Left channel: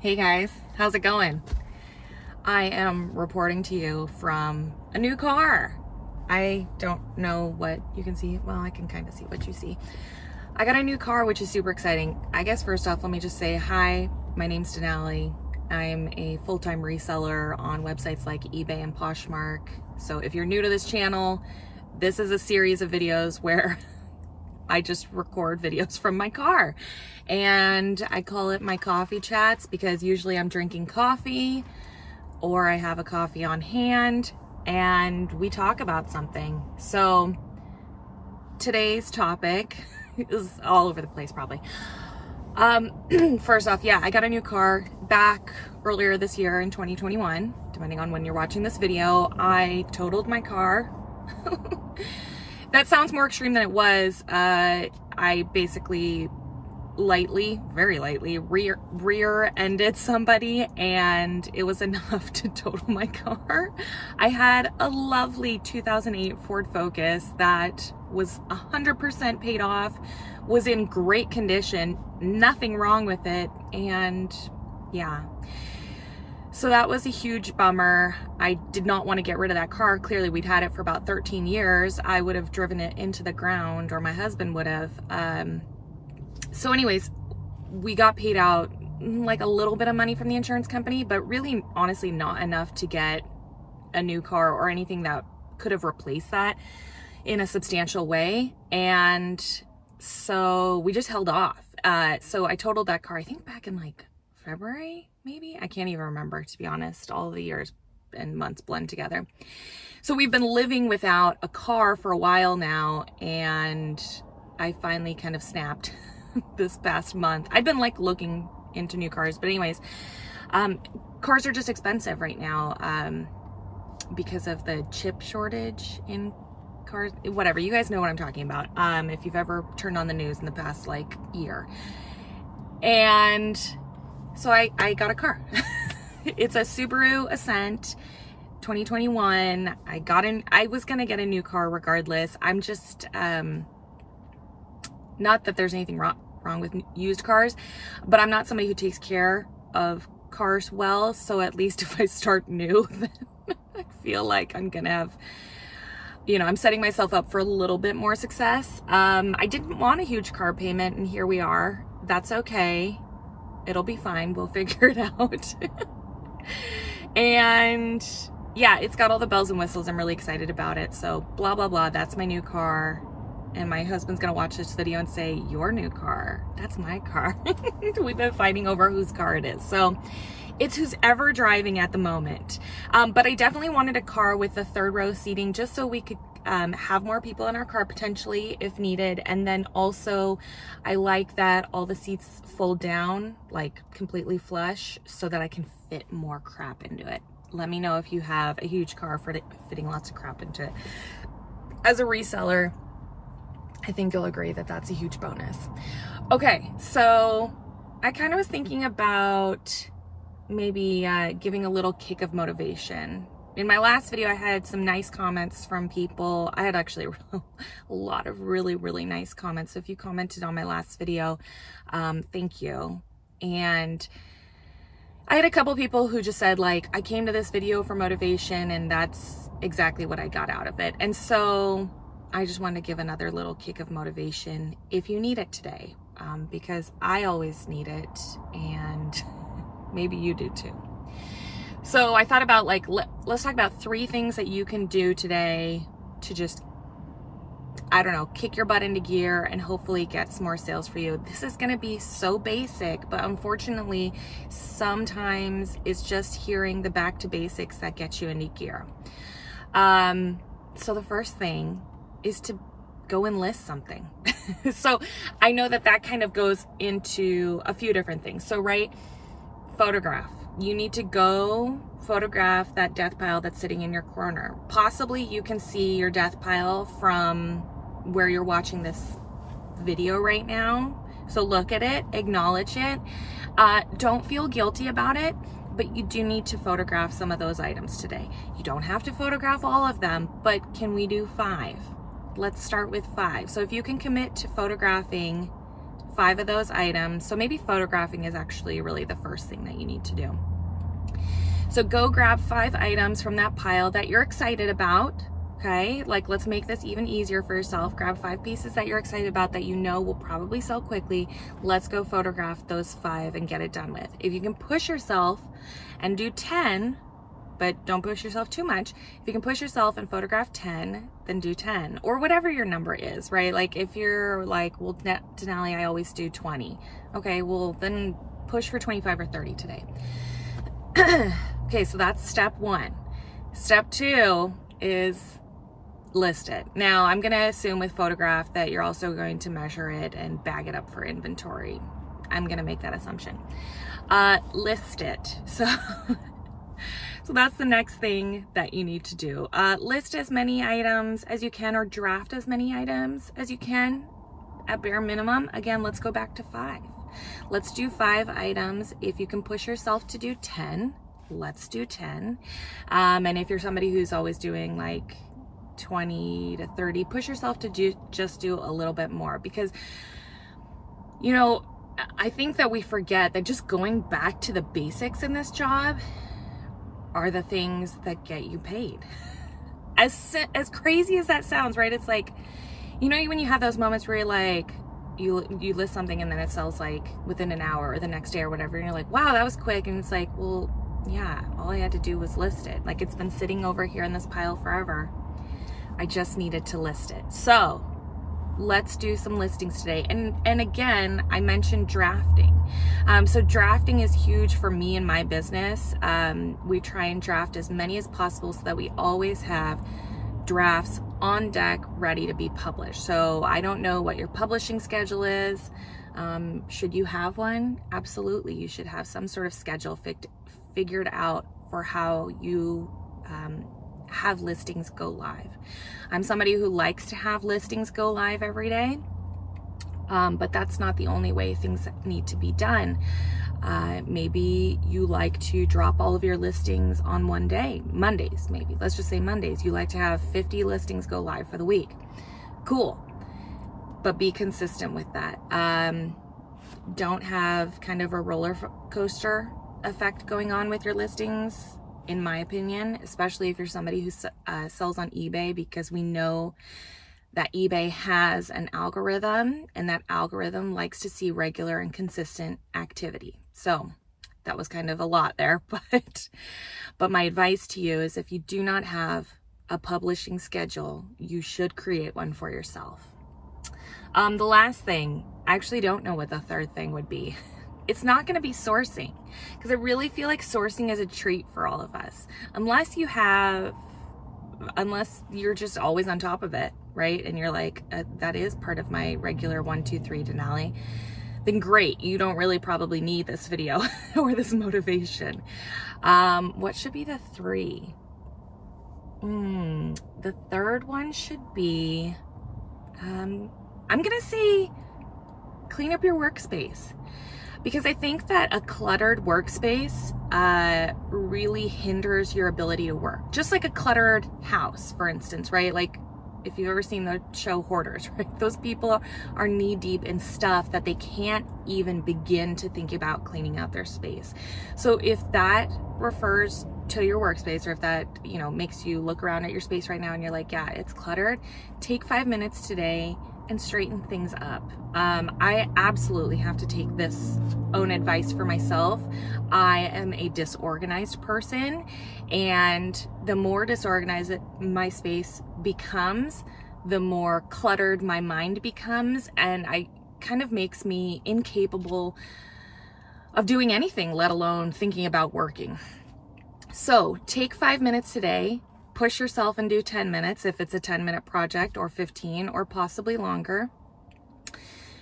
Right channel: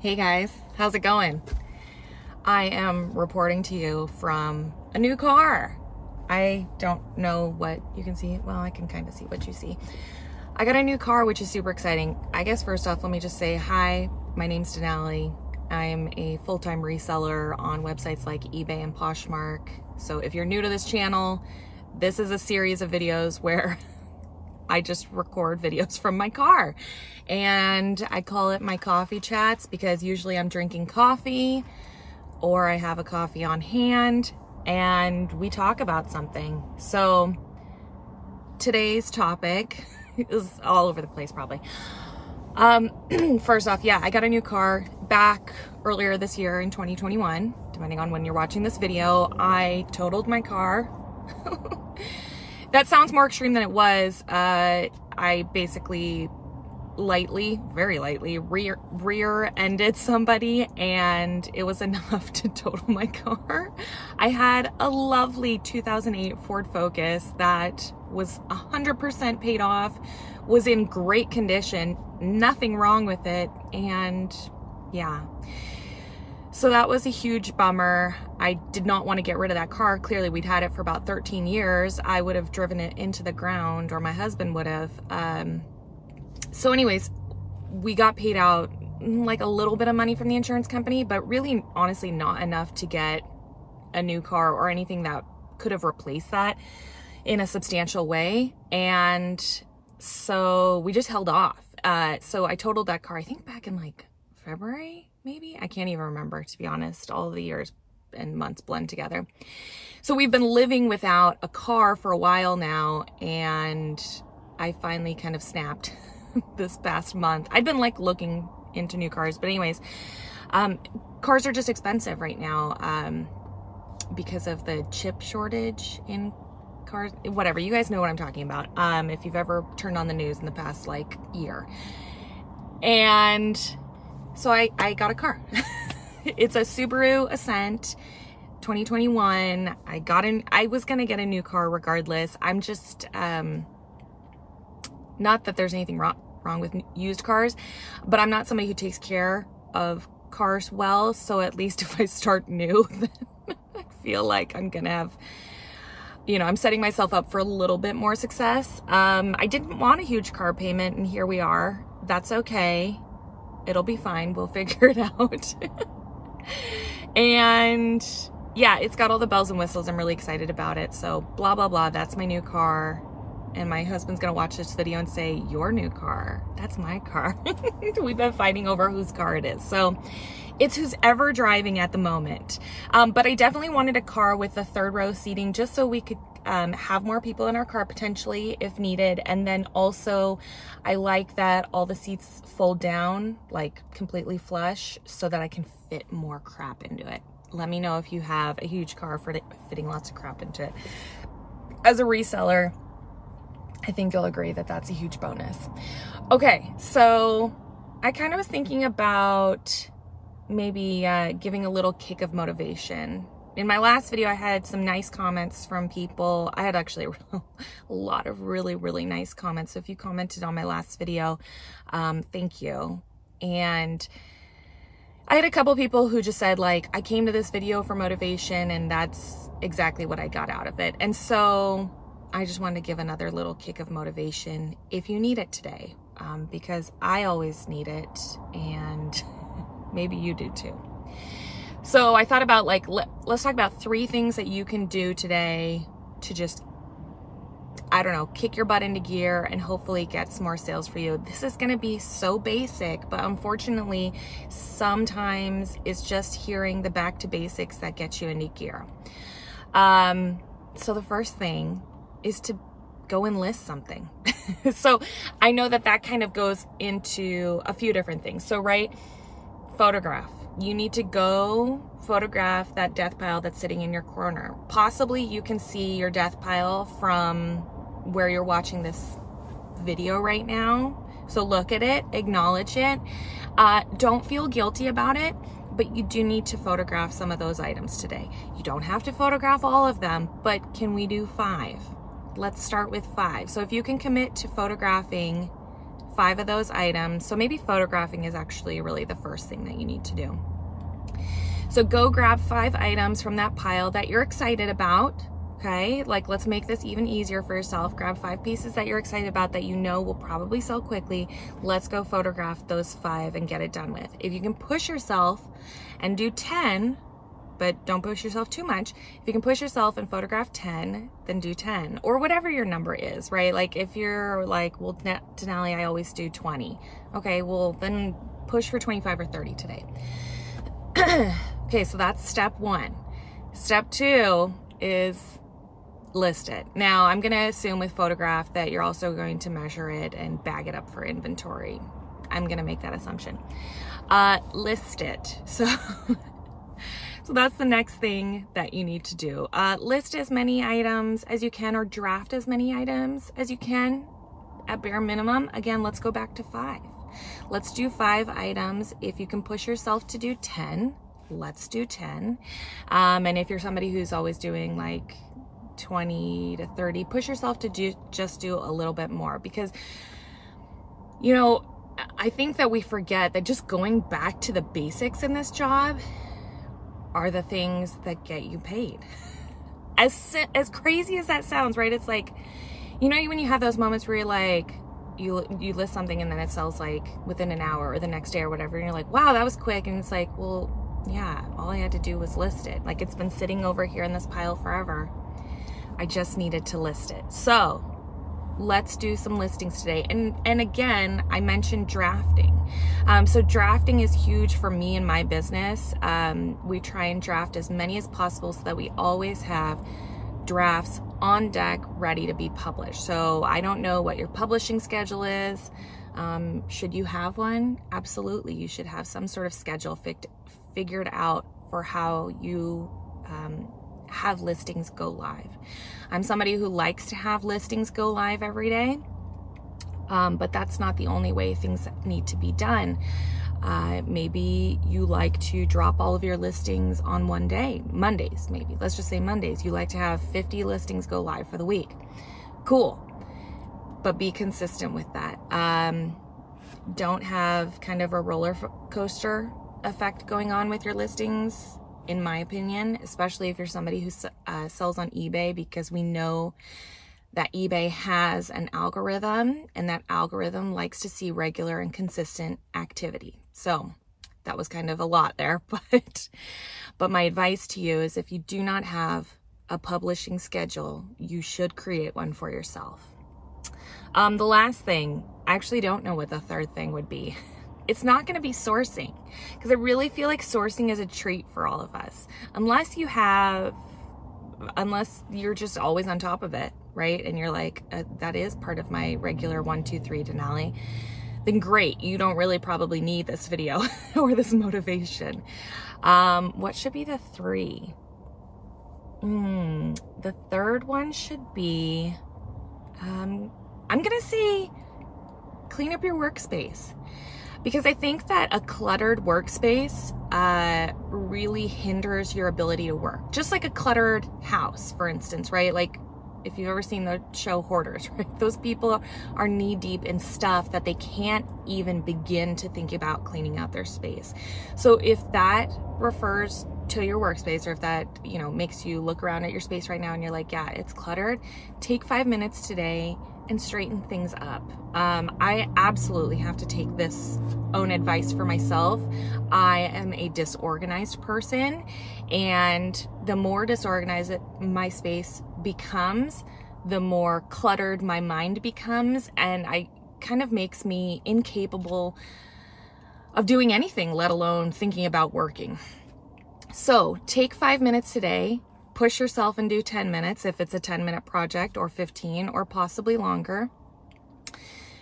Hey guys, how's it going? I am reporting to you from a new car. I don't know what you can see. Well, I can kind of see what you see. I got a new car, which is super exciting. I guess first off, let me just say hi. My name's Denali. I'm a full-time reseller on websites like eBay and Poshmark. So if you're new to this channel, this is a series of videos where I just record videos from my car. And I call it my coffee chats because usually I'm drinking coffee or I have a coffee on hand and we talk about something. So today's topic is all over the place probably. First off, yeah, I got a new car back earlier this year in 2021, depending on when you're watching this video. I totaled my car. That sounds more extreme than it was. I basically very lightly rear-ended somebody and it was enough to total my car. I had a lovely 2008 Ford Focus that was 100% paid off, was in great condition, nothing wrong with it, and yeah. So that was a huge bummer. I did not want to get rid of that car. Clearly we'd had it for about 13 years. I would have driven it into the ground, or my husband would have. So anyways, we got paid out like a little bit of money from the insurance company, but really honestly not enough to get a new car or anything that could have replaced that in a substantial way. And so we just held off. So I totaled that car, I think back in like February, maybe? I can't even remember, to be honest. All the years and months blend together. So we've been living without a car for a while now, and I finally kind of snapped this past month. I've been like looking into new cars, but anyways, cars are just expensive right now because of the chip shortage in cars. Whatever, you guys know what I'm talking about if you've ever turned on the news in the past like year. And so I got a car. It's a Subaru Ascent 2021. I was gonna get a new car regardless. I'm just not that there's anything wrong with used cars, but I'm not somebody who takes care of cars well. So at least if I start new, then I feel like I'm gonna have, you know, I'm setting myself up for a little bit more success. I didn't want a huge car payment, and here we are. That's okay. It'll be fine. We'll figure it out. And yeah, it's got all the bells and whistles. I'm really excited about it. So blah, blah, blah. That's my new car. And my husband's going to watch this video and say, your new car. That's my car. We've been fighting over whose car it is. So it's who's ever driving at the moment. But I definitely wanted a car with a third row seating just so we could have more people in our car potentially if needed. And then also I like that all the seats fold down like completely flush so that I can fit more crap into it. Let me know if you have a huge car for fitting lots of crap into it. As a reseller, I think you'll agree that that's a huge bonus. Okay, so I kind of was thinking about maybe giving a little kick of motivation. In my last video, I had some nice comments from people. I had actually a lot of really, really nice comments. So if you commented on my last video, thank you. And I had a couple people who just said like, I came to this video for motivation, and that's exactly what I got out of it. And so I just wanted to give another little kick of motivation if you need it today, because I always need it, and maybe you do too. So I thought about like, let's talk about 3 things that you can do today to just, I don't know, kick your butt into gear and hopefully get some more sales for you. This is going to be so basic, but unfortunately, sometimes it's just hearing the back to basics that gets you into gear. So the first thing is to go and list something. So I know that that kind of goes into a few different things. So right, photograph. You need to go photograph that death pile that's sitting in your corner. Possibly you can see your death pile from where you're watching this video right now. So look at it, acknowledge it. Don't feel guilty about it, but you do need to photograph some of those items today. You don't have to photograph all of them, but can we do 5? Let's start with 5. So if you can commit to photographing 5 of those items. So maybe photographing is actually really the first thing that you need to do. So go grab 5 items from that pile that you're excited about. Okay, like let's make this even easier for yourself. Grab 5 pieces that you're excited about that you know will probably sell quickly. Let's go photograph those 5 and get it done with. If you can push yourself and do 10, but don't push yourself too much. If you can push yourself and photograph 10, then do 10 or whatever your number is, right? Like if you're like, well, Denali, I always do 20. Okay, well then push for 25 or 30 today. Okay, so that's step 1. Step 2 is list it. Now I'm going to assume with photograph that you're also going to measure it and bag it up for inventory. I'm going to make that assumption. List it. So that's the next thing that you need to do. List as many items as you can or draft as many items as you can at bare minimum. Again, let's go back to 5. Let's do 5 items. If you can push yourself to do 10, let's do 10. And if you're somebody who's always doing like 20 to 30, push yourself to just do a little bit more, because you know, I think that we forget that just going back to the basics in this job are the things that get you paid. As crazy as that sounds, right? It's like, you know, when you have those moments where you're like, you list something and then it sells like within an hour or the next day or whatever, and you're like, wow, that was quick. And it's like, well, yeah, all I had to do was list it. Like it's been sitting over here in this pile forever. I just needed to list it. So let's do some listings today. And again, I mentioned drafting. So drafting is huge for me and my business. We try and draft as many as possible so that we always have drafts on deck ready to be published. So I don't know what your publishing schedule is. Should you have one? Absolutely. You should have some sort of schedule figured out for how you have listings go live. I'm somebody who likes to have listings go live every day, but that's not the only way things need to be done. Maybe you like to drop all of your listings on one day, Mondays maybe. Let's just say Mondays. You like to have 50 listings go live for the week. Cool, but be consistent with that. Don't have kind of a roller coaster effect going on with your listings, in my opinion, especially if you're somebody who sells on eBay, because we know that eBay has an algorithm, and that algorithm likes to see regular and consistent activity. So that was kind of a lot there, but my advice to you is if you do not have a publishing schedule, you should create one for yourself. The last thing, I actually don't know what the third thing would be. It's not going to be sourcing, because I really feel like sourcing is a treat for all of us. Unless you're just always on top of it, right? And you're like, that is part of my regular 1, 2, 3 Denali. Then great. You don't really probably need this video or this motivation. What should be the 3? The third one should be, I'm going to say clean up your workspace. Because I think that a cluttered workspace really hinders your ability to work. Just like a cluttered house, for instance, right? Like if you've ever seen the show Hoarders, right? Those people are knee deep in stuff that they can't even begin to think about cleaning out their space. So if that refers to your workspace, or if that, you know, makes you look around at your space right now and you're like, yeah, it's cluttered, take 5 minutes today and straighten things up. I absolutely have to take this own advice for myself. I am a disorganized person, and the more disorganized my space becomes, the more cluttered my mind becomes, and I kind of makes me incapable of doing anything, let alone thinking about working. So take 5 minutes today, push yourself and do 10 minutes if it's a 10-minute project, or 15, or possibly longer.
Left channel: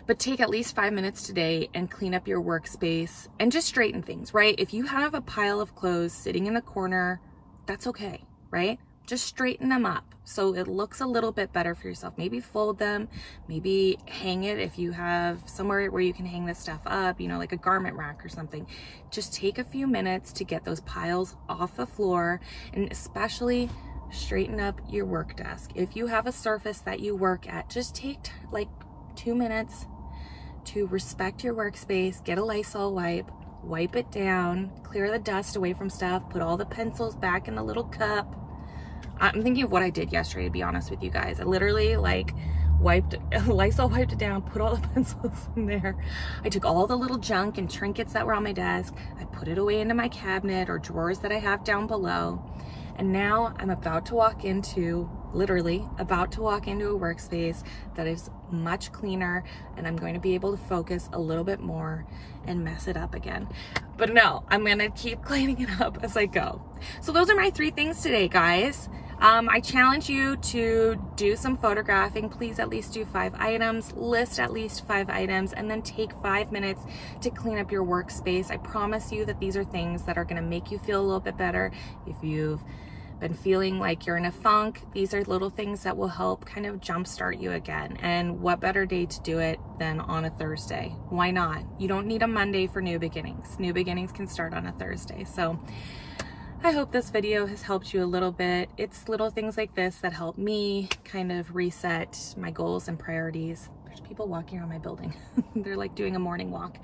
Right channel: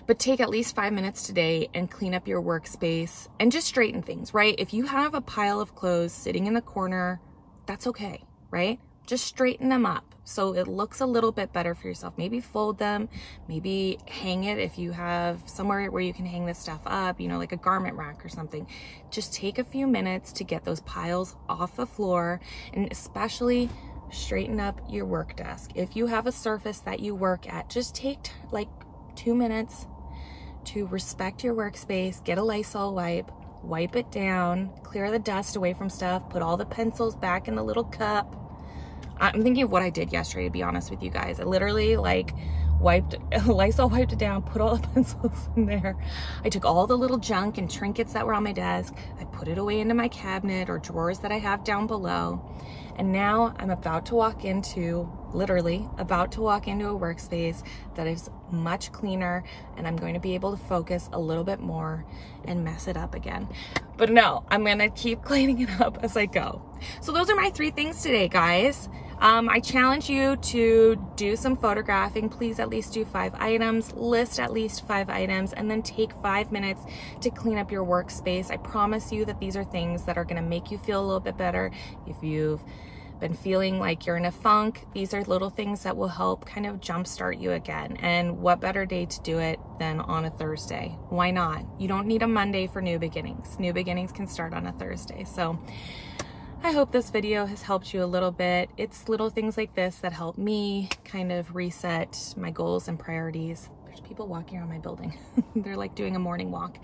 But take at least 5 minutes today and clean up your workspace and just straighten things, right? If you have a pile of clothes sitting in the corner, that's okay, right? Just straighten them up so it looks a little bit better for yourself. Maybe fold them, maybe hang it if you have somewhere where you can hang this stuff up, you know, like a garment rack or something. Just take a few minutes to get those piles off the floor, and especially straighten up your work desk. If you have a surface that you work at, just take like 2 minutes to respect your workspace, get a Lysol wipe, wipe it down, clear the dust away from stuff, put all the pencils back in the little cup. I'm thinking of what I did yesterday, to be honest with you guys. I literally like Lysol wiped it down, put all the pencils in there. I took all the little junk and trinkets that were on my desk. I put it away into my cabinet or drawers that I have down below. And now I'm literally about to walk into a workspace that is much cleaner, and I'm going to be able to focus a little bit more and mess it up again. But no, I'm gonna keep cleaning it up as I go. So those are my 3 things today, guys. I challenge you to do some photographing. Please at least do 5 items, list at least 5 items, and then take 5 minutes to clean up your workspace. I promise you that these are things that are gonna make you feel a little bit better. If you've been feeling like you're in a funk, these are little things that will help kind of jumpstart you again. And what better day to do it than on a Thursday? Why not? You don't need a Monday for new beginnings. New beginnings can start on a Thursday. So I hope this video has helped you a little bit. It's little things like this that help me kind of reset my goals and priorities. There's people walking around my building. They're like doing a morning walk.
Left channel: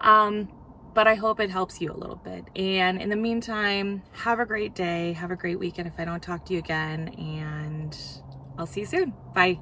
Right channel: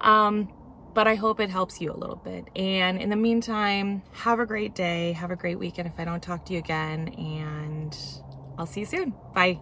But I hope it helps you a little bit. And in the meantime, have a great day. Have a great weekend if I don't talk to you again. And I'll see you soon. Bye.